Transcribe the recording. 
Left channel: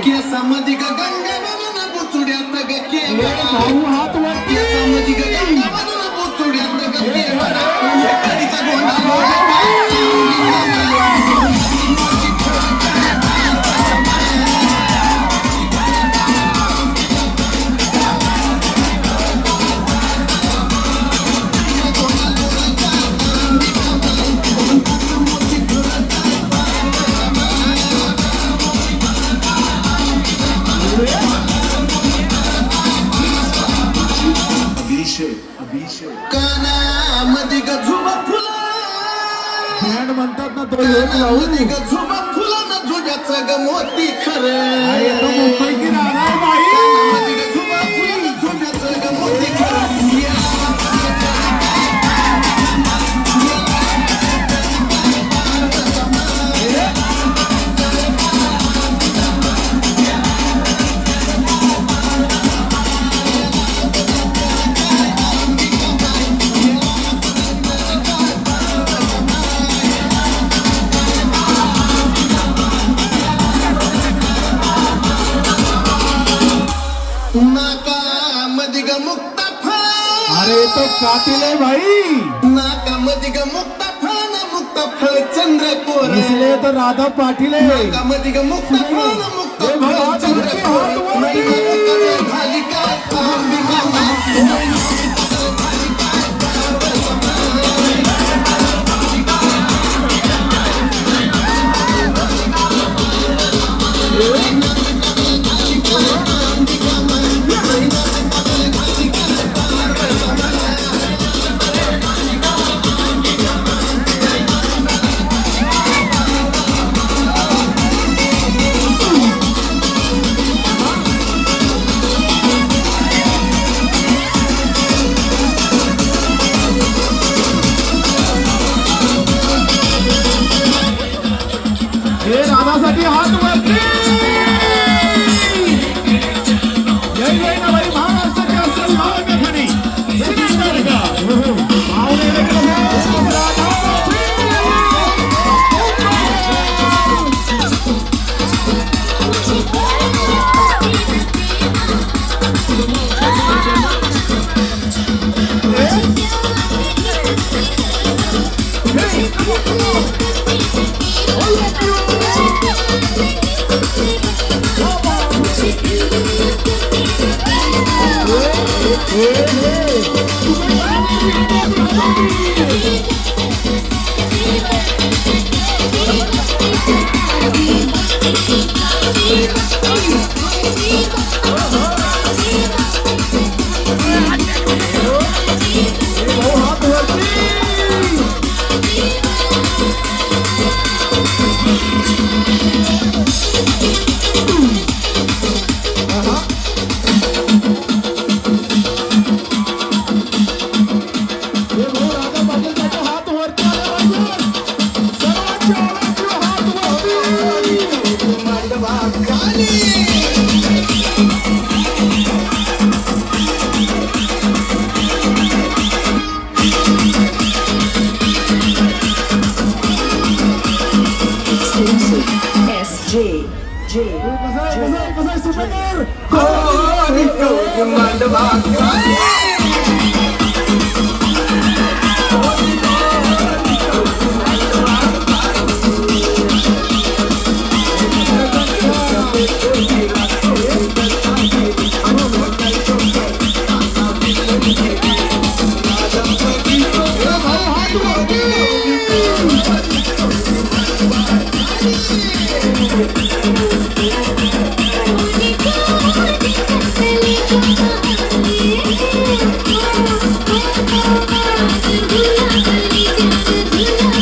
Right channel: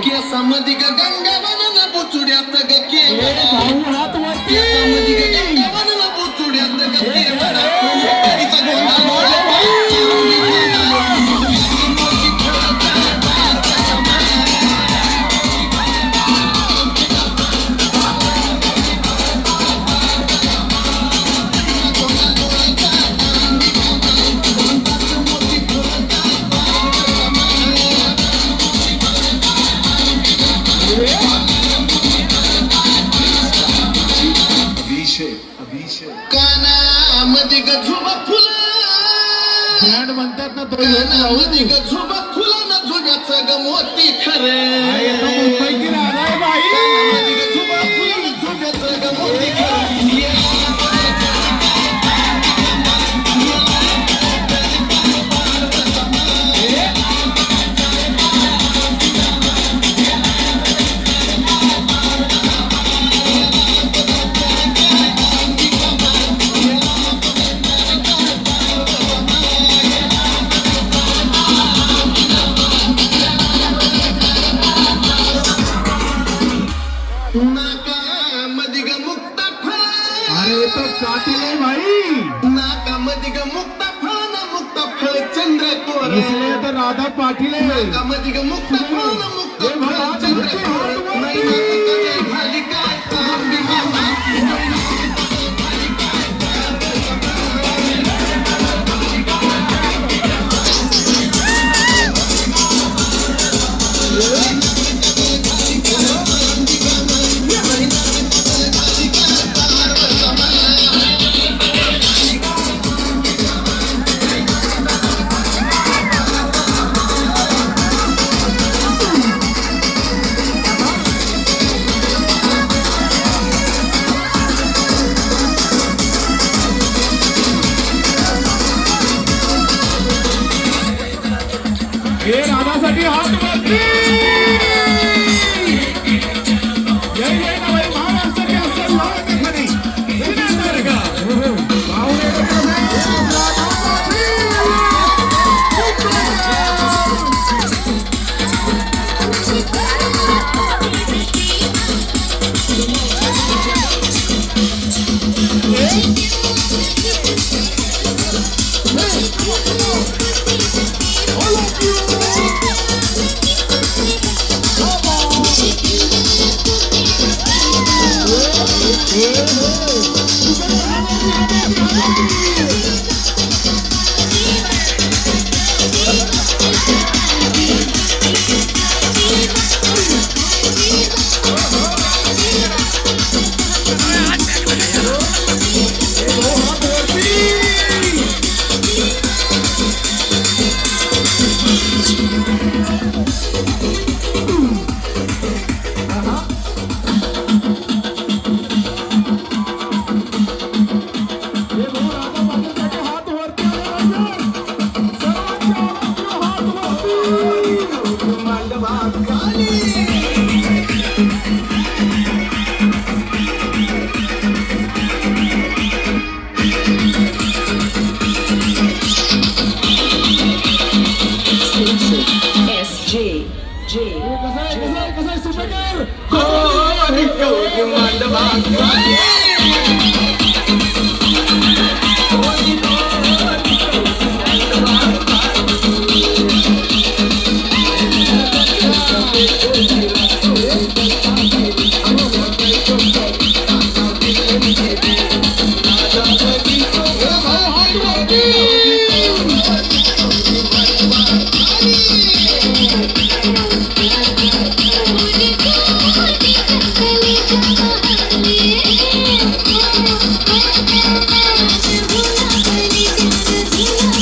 केसामध्ये गंगा बनवून बुचुड्यात केवढा केसामध्ये गंगा बनवून बुचुड्यात केवढा पाणीचा गोंधळ कानामध्ये गझुबा फुला ब्रँड म्हणतात ना तो कानामध्ये गझुबा फुला ना झुब्याचं ग मोती खरं कानामध्ये गझुबा फुला ना झुब्याचं ग मोती खरं नाकामध्ये ग मुक्ता फळ अरे तो कातिल है भाई नाकामध्ये ग मुक्ता फळ ना मुक्ता फळ चंद्रकोर इसलिए तो राधा पाटील है नाकामध्ये ग मुक्ता फळ ना मुक्ता फळ चंद्रकोर नाही नाकामध्ये झाली काय हे राधासाठी हात वरती जय जय नवई महाराष्ट्राचे असेल भावनेखनी सिनेंदर का SJ